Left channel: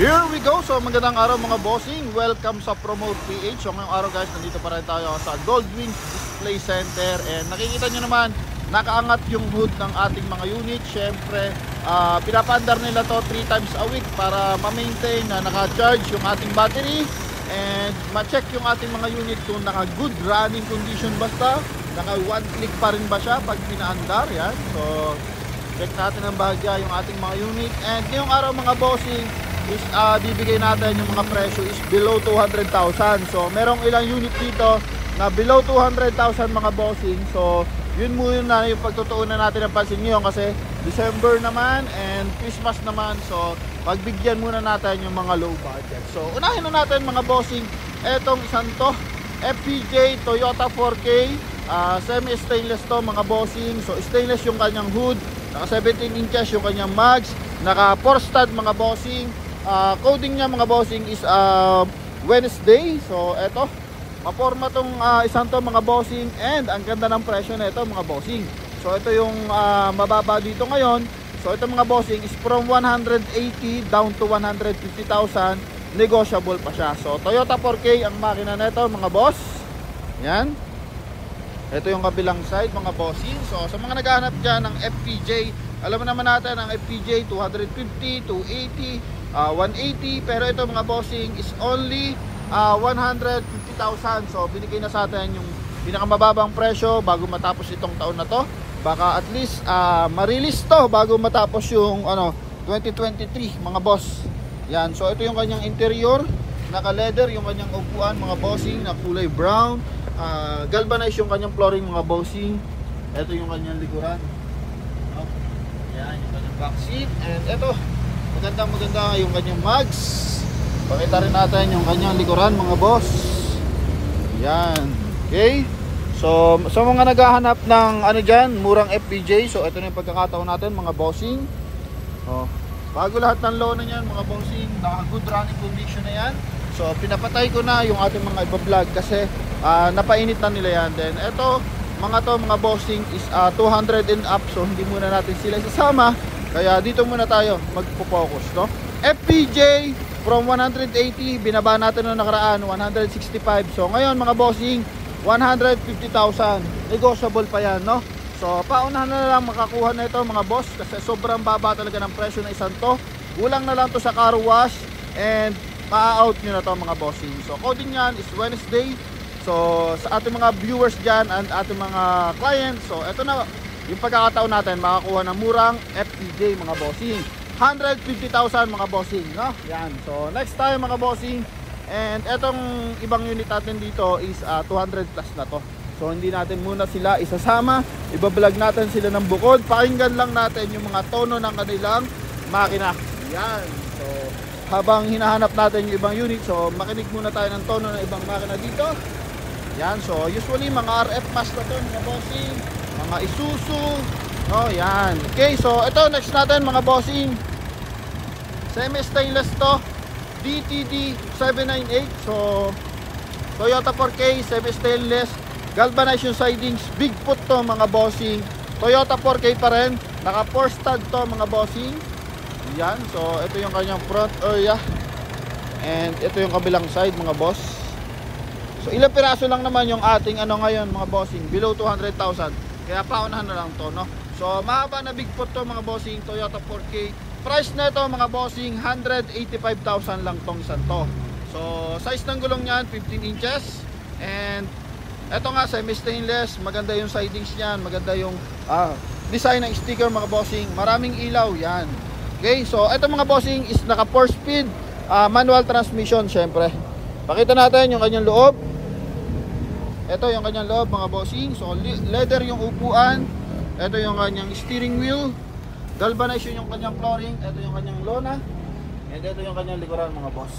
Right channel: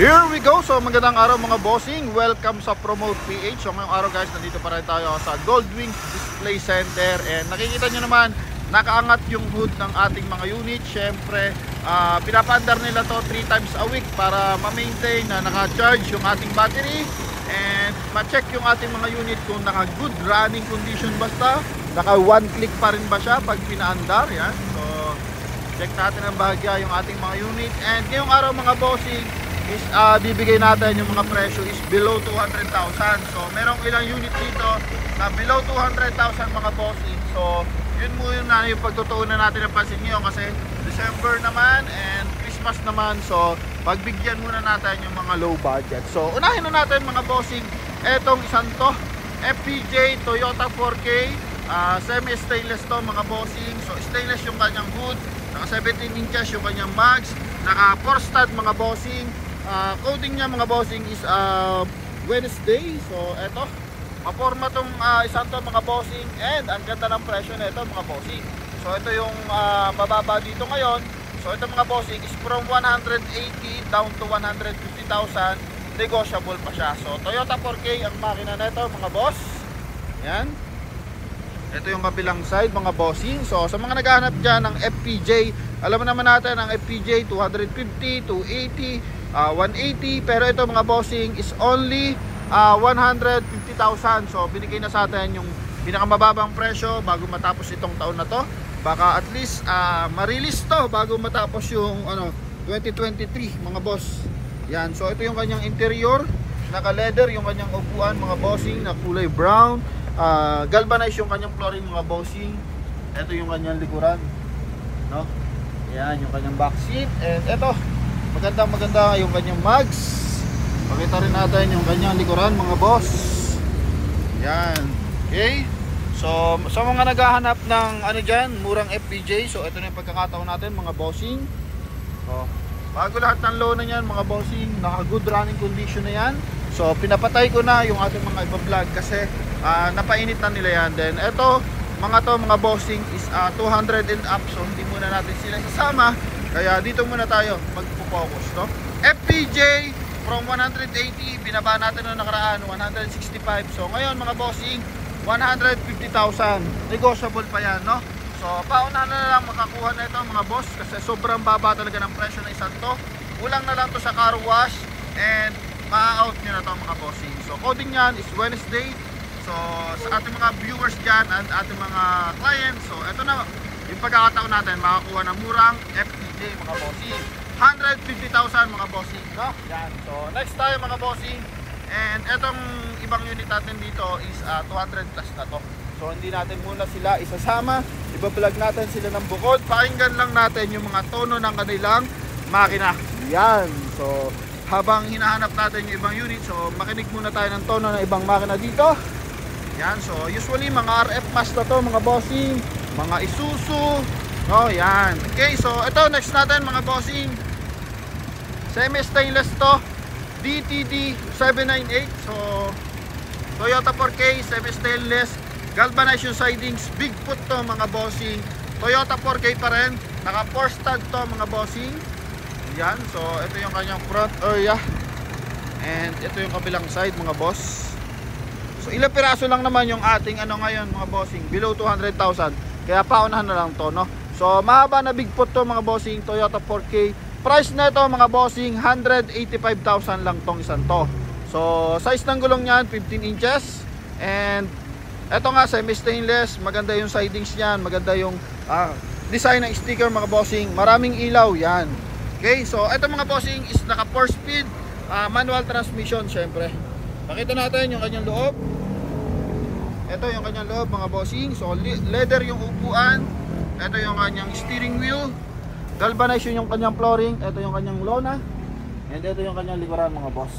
Here we go. So magandang araw mga bossing. Welcome sa Promote PH. So ngayong araw guys, nandito pa rin tayo sa Goldwings Display Center. And nakikita nyo naman, nakaangat yung hood ng ating mga unit. Siyempre, pinapaandar nila to 3 times a week para ma-maintain na naka-charge yung ating battery. And ma-check yung ating mga unit kung naka-good running condition basta. Naka-one click pa rin ba siya pag pinaandar. Yan. So, check natin ang bahagya yung ating mga unit. And ngayong araw mga bossing, is bibigay natin yung mga presyo is below 200,000. So merong ilang unit dito na below 200,000 mga bossing. So yun muna yung pagtutuunan natin ng pansin nyo kasi December naman and Christmas naman. So pagbigyan muna natin yung mga low budget. So unahin na natin mga bossing etong isang to, FPJ Toyota 4K, semi stainless to mga bossing. So stainless yung kanyang hood, naka 17 inches yung kanyang mags, naka 4 stud mga bossing. Coding niya mga bossing is Wednesday. So eto, maporma tong isang to mga bossing. And ang ganda ng presyo na ito mga bossing. So ito yung mababa dito ngayon. So ito mga bossing is from 180 down to 150,000. Negotiable pa siya. So Toyota 4K ang makina nito mga boss. Yan. Ito yung kabilang side mga bossing. So sa mga naghahanap dyan ng FPJ, alam naman natin ang FPJ 250, 280, 180, pero ito mga bossing is only 150,000. So binigay na sa atin yung pinakamababang presyo bago matapos itong taon na to. Baka at least ma-release to bago matapos yung 2023 mga boss. Yan, so ito yung kanyang interior, naka leather yung kanyang upuan mga bossing na kulay brown. Galvanized yung kanyang flooring mga bossing. Ito yung kanyang likuran, no? Yan yung kanyang back seat. And ito, maganda yung kanyang mags. Pakita rin natin yung kanyang likuran mga boss. Yan. Okay. So sa mga naghahanap ng dyan, murang FPJ, so ito na yung pagkakataon natin mga bossing. So, bago lahat ng low na yan mga bossing, naka good running condition na yan. So pinapatay ko na yung ating mga iba-vlog kasi napainit na nila yan. Then ito mga bossing is 200 and up. So hindi muna natin sila isama. Kaya dito muna tayo magpo-focus, no? FPJ from 180, binaba natin noong nakaraan 165. So ngayon mga bossing 150,000. Negotiable pa yan, no? So paunahan na lang makakuha na ito mga boss kasi sobrang baba talaga ng presyo ng isang to. Kulang na lang to sa car wash and ma-out nyo na to mga bossing. So coding yan is Wednesday. So sa ating mga viewers dyan and ating mga clients, so eto na yung pagkakataon natin makakuha ng murang FPJ mga bossing. 150,000 mga bossing, no? Yan. So next tayo mga bossing. And etong ibang unit natin dito is 200 plus na to. So hindi natin muna sila isasama. Ibablog natin sila ng bukod. Pakinggan lang natin yung mga tono ng kanilang makina. Yan. So habang hinahanap natin yung ibang unit, so makinig muna tayo ng tono ng ibang makina dito. Yan. So usually mga RF mask na to mga bossing, mga Isuzu. Oh, yan. Okay, so ito next natin mga bossing. Semi stainless to, DTD 798. So Toyota 4K semi stainless, galvanized yung sidings, Bigfoot to mga bossing. Toyota 4K pa rin, naka 4 stud to mga bossing. Yan, so ito yung kanyang front area. And ito yung kabilang side mga boss. So ilang piraso lang naman yung ating ngayon mga bossing, below 200,000. Kaya paunahan na lang to, no? So mahaba na Bigfoot to mga bossing, Toyota 4K. Price na ito mga bossing 185,000 lang tong isang to. So size ng gulong niyan 15 inches. And ito nga semi stainless, maganda yung sidings niyan, maganda yung design ng sticker mga bossing, maraming ilaw yan. Okay, so ito mga bossing is naka 4 speed manual transmission syempre. Pakita natin yung kanyang loob. Ito yung kanyang loob mga bossing. So leather yung upuan. Ito yung kanyang steering wheel. Galvanized yung kanyang flooring. Ito yung kanyang lona. And ito yung kanyang likuran mga boss.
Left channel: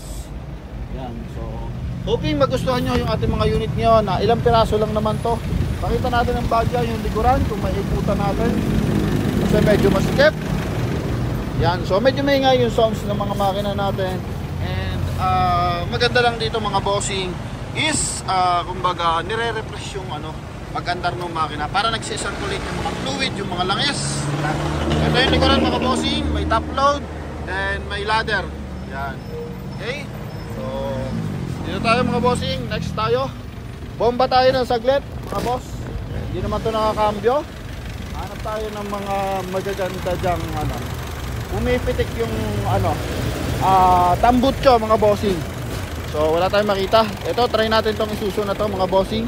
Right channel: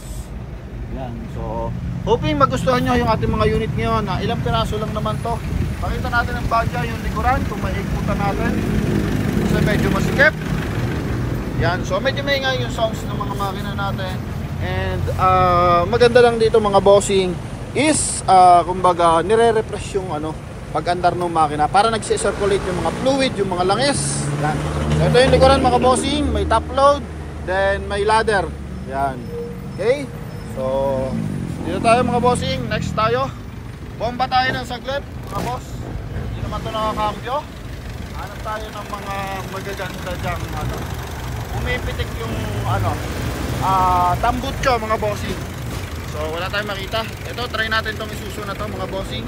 Yan. So hoping magustuhan nyo yung ating mga unit ngayon na ilang piraso lang naman to. Pakita natin ang bagya yung likuran kung may iputan natin. So medyo masikip. Yan. So medyo maingay yung sounds ng mga makina natin. And maganda lang dito mga bossing is kumbaga nire-refresh yung pag-andar ng makina para nagsi-circulate yung mga fluid, yung mga langis. Ito yung likuran mga bossing, may top load, then may ladder. Yan. Okay? So, dito tayo mga bossing. Next tayo. Bomba tayo ng saglit, mga boss. Hindi naman ito nakakambyo. Hanap tayo ng mga magaganda dyang ano. Umipitik yung ano, tambutso mga bossing. So, wala tayong makita. Ito, try natin itong Isuzu na to mga bossing.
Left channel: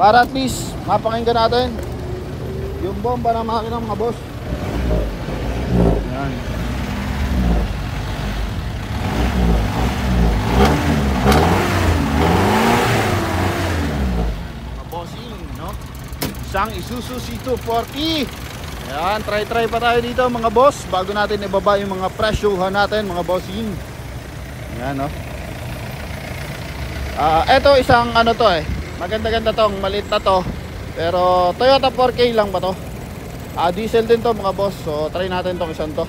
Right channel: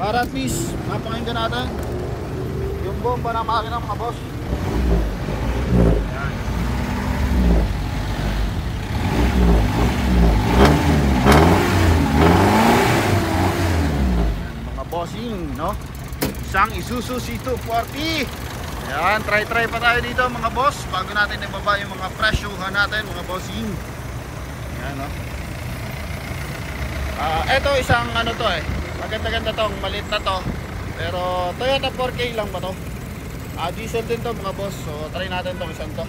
Para at least, mapakinggan natin yung bomba ng makina mga boss. Yan. Mga bossing, no? Isang Isuzu C240. Yan, try pa tayo dito mga boss bago natin ibaba yung mga presyohan natin mga bossing. Yan, no? Ito isang ano to maganda-ganda tong, maliit na to. Pero Toyota 4K lang ba to? Diesel din to mga boss. So try natin tong isang to.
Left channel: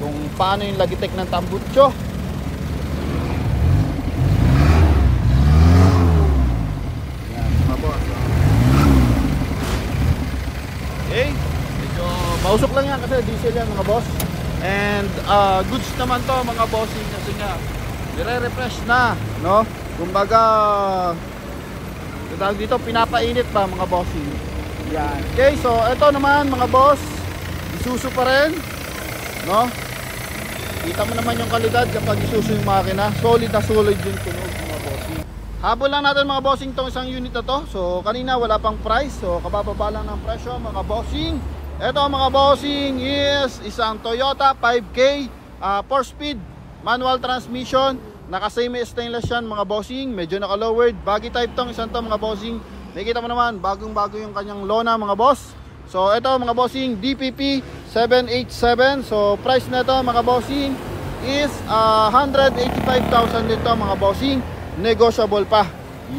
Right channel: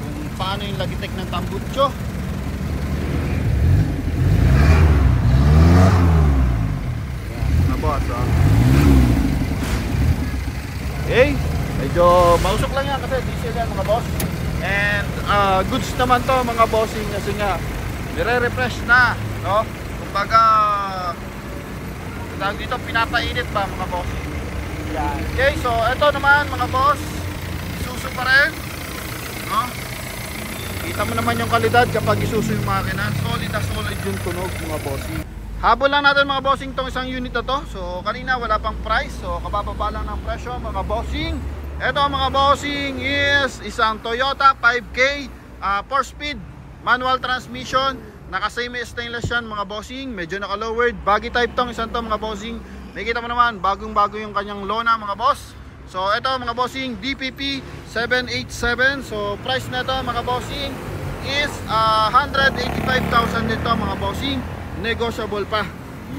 Kung paano yung lagitek ng tambutso. Mga boss, okay, medyo mausok lang yan kasi diesel yan mga boss. And goods naman to mga bossing kasi nga nire-refresh na, no? Kumbaga dito pinapainit pa mga bossing. Yan. Okay, so ito naman mga boss, Isuzu pa rin, no? Kita mo naman yung kalidad kapag Isuzu yung makina. Solid na solid yung tunog mga bossing. Habol lang natin mga bossing tong isang unit na to. So kanina wala pang price, so kabababa lang ng presyo mga bossing. Ito mga bossing is isang Toyota 5K 4-speed manual transmission. Naka-semi stainless yan mga bossing. Medyo naka-lowered. Baggy type tong isang to mga bossing. Nakikita mo naman bagong-bago yung kanyang lona mga boss. So ito mga bossing, DPP 787. So price na ito mga bossing is 185,000 dito mga bossing. Negotiable pa.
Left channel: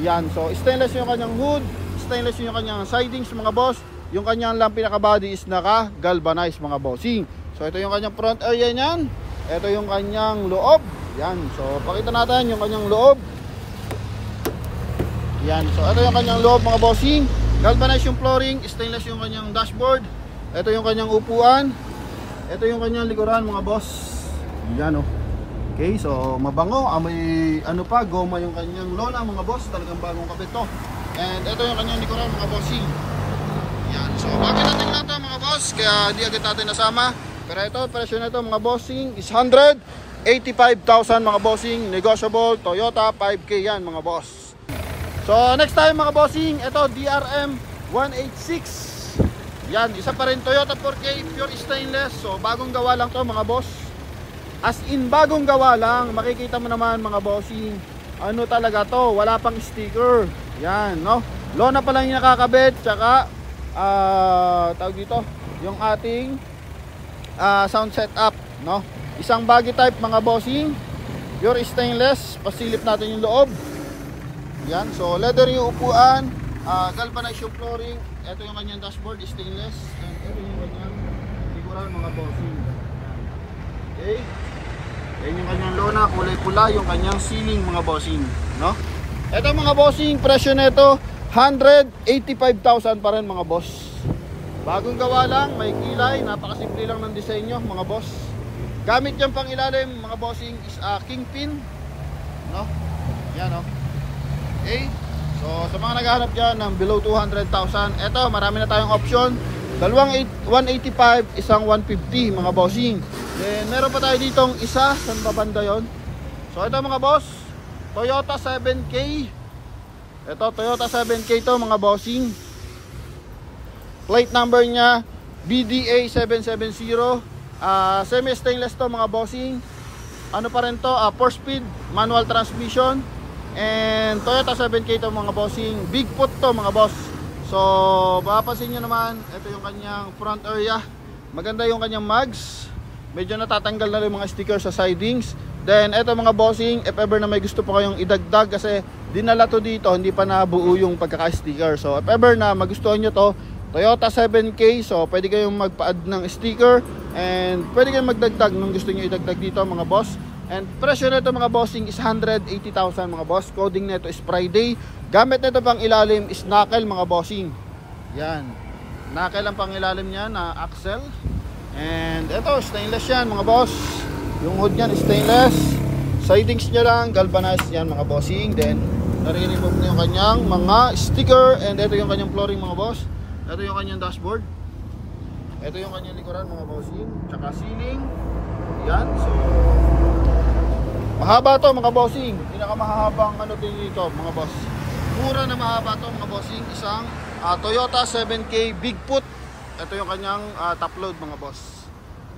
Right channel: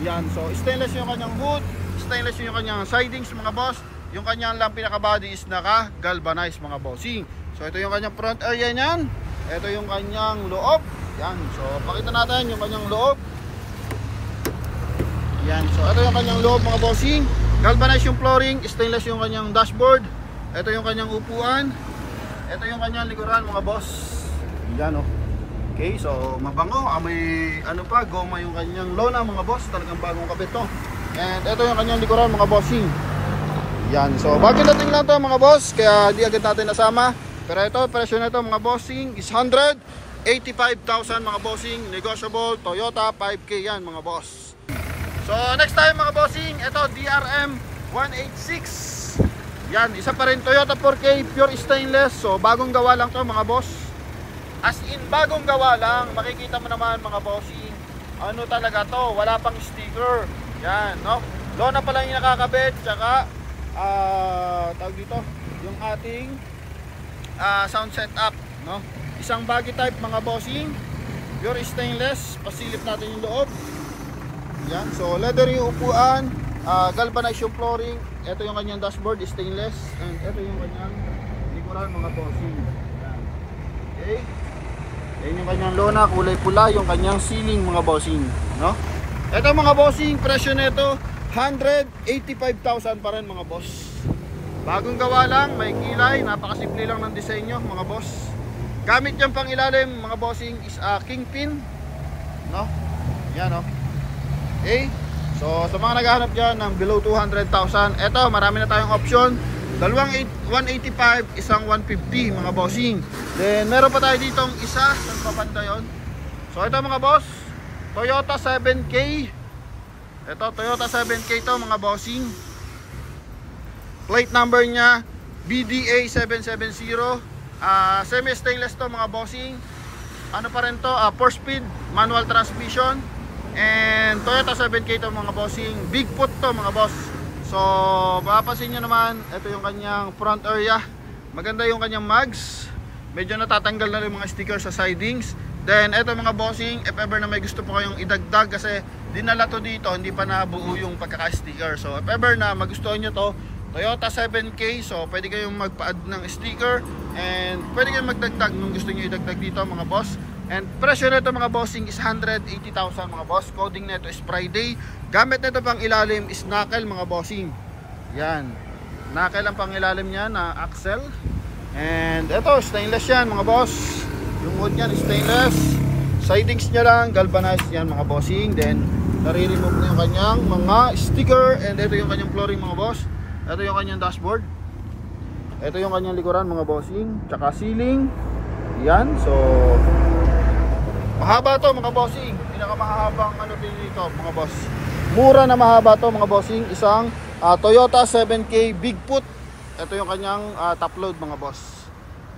Yan. So stainless yung kanyang hood, stainless yung kanyang sidings mga boss. Yung kanyang lang pinaka-body is naka-galvanized mga bossing. So ito yung kanyang front area niyan. Ito yung kanyang loob. Yan. So pakita natin yung kanyang loob. Yan. So ito yung kanyang loob mga bossing. Galvanized yung flooring, stainless yung kanyang dashboard. Ito yung kanyang upuan. Ito yung kanyang likuran mga boss. Yan oh. Okay, so mabango. May ano pa, goma yung kanyang lona mga boss. Talagang bagong kabit to. And ito yung kanyang likuran mga bossing. Yan. So bagay natin lang to mga boss. Kaya di agad natin nasama. Pero ito, presyo na ito mga bossing is 185,000 mga bossing. Negotiable, Toyota 5K yan mga boss. So next time mga bossing, ito DRM 186. Yan, isa pa rin Toyota 4K pure stainless. So bagong gawa lang to mga boss. As in bagong gawa lang. Makikita mo naman mga bossing, ano talaga to, wala pang sticker. Yan, no? Lona pa lang yung nakakabit. Tsaka tawag dito, yung ating sound setup, no? Isang baggy type mga bossing, pure stainless. Pasilip natin yung loob. Yan, so leather yung upuan, galvanized yung flooring. Ito yung kanyang dashboard, stainless. And ito yung kanyang likuran mga bossing. Okay, yan yung kanyang lona, kulay pula. Yung kanyang ceiling mga bossing, no? Ito mga bossing, presyo nito 185,000 pa rin mga boss. Bagong gawa lang, may kilay, napakasimple lang ng disenyo mga boss. Gamit yung pang ilalim mga bossing is kingpin, no? Yan, no? Okay, so sa mga naghahanap dyan ng below 200,000, eto marami na tayong option. Dalawang 185, isang 150 mga bossing. Then meron pa tayo ditong isa, saan pa banda yun? So ito mga boss, Toyota 7K. Ito Toyota 7K to mga bossing. Plate number nya BDA 770. Semi stainless to mga bossing. Ano pa rin to, 4-speed manual transmission. And Toyota 7K to mga bossing. Big foot to mga boss. So mapapansin nyo naman, ito yung kanyang front area. Maganda yung kanyang mags. Medyo natatanggal na rin mga sticker sa sidings. Then ito mga bossing, if ever na may gusto po kayong idagdag, kasi dinala to dito, hindi pa nabuo yung pagkaka-sticker. So if ever na magustuhan nyo to, Toyota 7K, so pwede kayong magpa-add ng sticker. And pwede kayong magdagdag nung gusto nyo idagdag dito mga boss. And presyo nito mga bossing is 180,000 mga boss. Coding nito is Friday. Gamit nito pang ilalim is knuckle mga bossing. Yan, knuckle ang pang ilalim niya na axle. And ito stainless yan mga boss. Yung hood niyan stainless. Sidings niya lang galvanized yan mga bossing. Then nare-remove na yung kanyang mga sticker. And ito yung kanyang flooring mga boss. Ito yung kanyang dashboard. Ito yung kanyang likuran mga bossing. Tsaka ceiling. Yan. So mahaba to mga bossing. Pinakamahabang ano dito mga boss. Mura na mahaba to mga bossing. Isang Toyota 7K Bigfoot. Ito yung kanyang top load mga boss.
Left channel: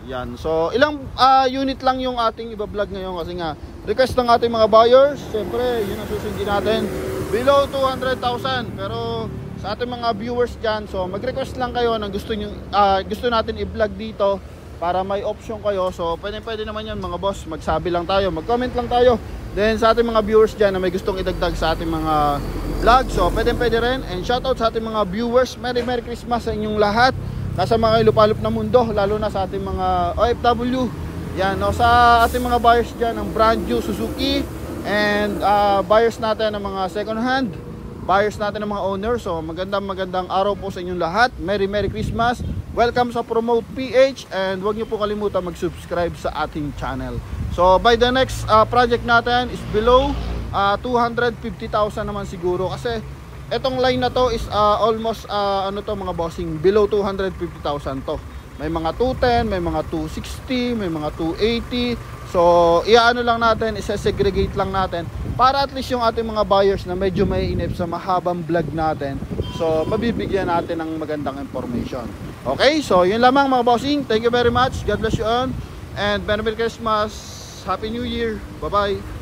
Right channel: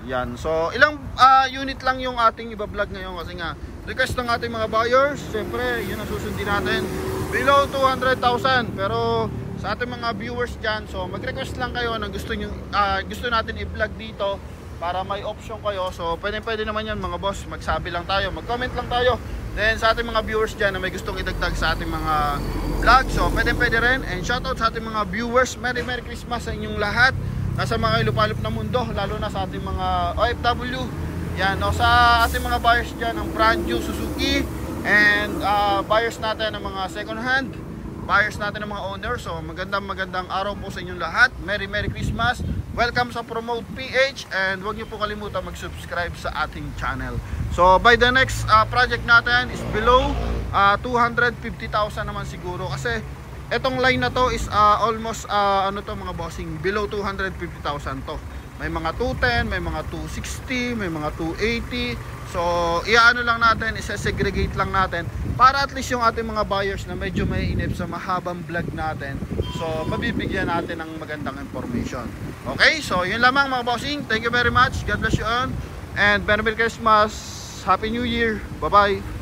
Yan. So ilang unit lang yung ating iba-vlog ngayon kasi nga request ng ating mga buyers. Siyempre yun ang susundin natin. Below 200,000. Pero sa ating mga viewers dyan, so mag-request lang kayo ng gusto natin i-vlog dito para may option kayo. So pwede naman yan mga boss. Magsabi lang tayo, mag-comment lang tayo. Then sa ating mga viewers dyan na may gustong idagdag sa ating mga vlog, so pwede rin. And shoutout sa ating mga viewers. Merry Christmas sa inyong lahat. Nasa mga ilupalop na mundo, lalo na sa ating mga OFW. Yan, no, sa ating mga buyers dyan ng brand new Suzuki. And buyers natin ng mga second hand, buyers natin ng mga owners. So magandang araw po sa inyong lahat. Merry Christmas. Welcome sa Promote PH. And huwag niyo po kalimutan mag-subscribe sa ating channel. So by the next project natin is below 250,000 naman siguro. Kasi etong line na to is almost ano to mga bossing, below 250,000 to. May mga 210, may mga 260, may mga 280. So iaano lang natin, isa-segregate lang natin para at least yung ating mga buyers na medyo may inip sa mahabang vlog natin, so mabibigyan natin ng magandang information. Okay, so yun lamang mga bossing. Thank you very much. God bless you all. And Merry Christmas. Happy New Year. Bye-bye.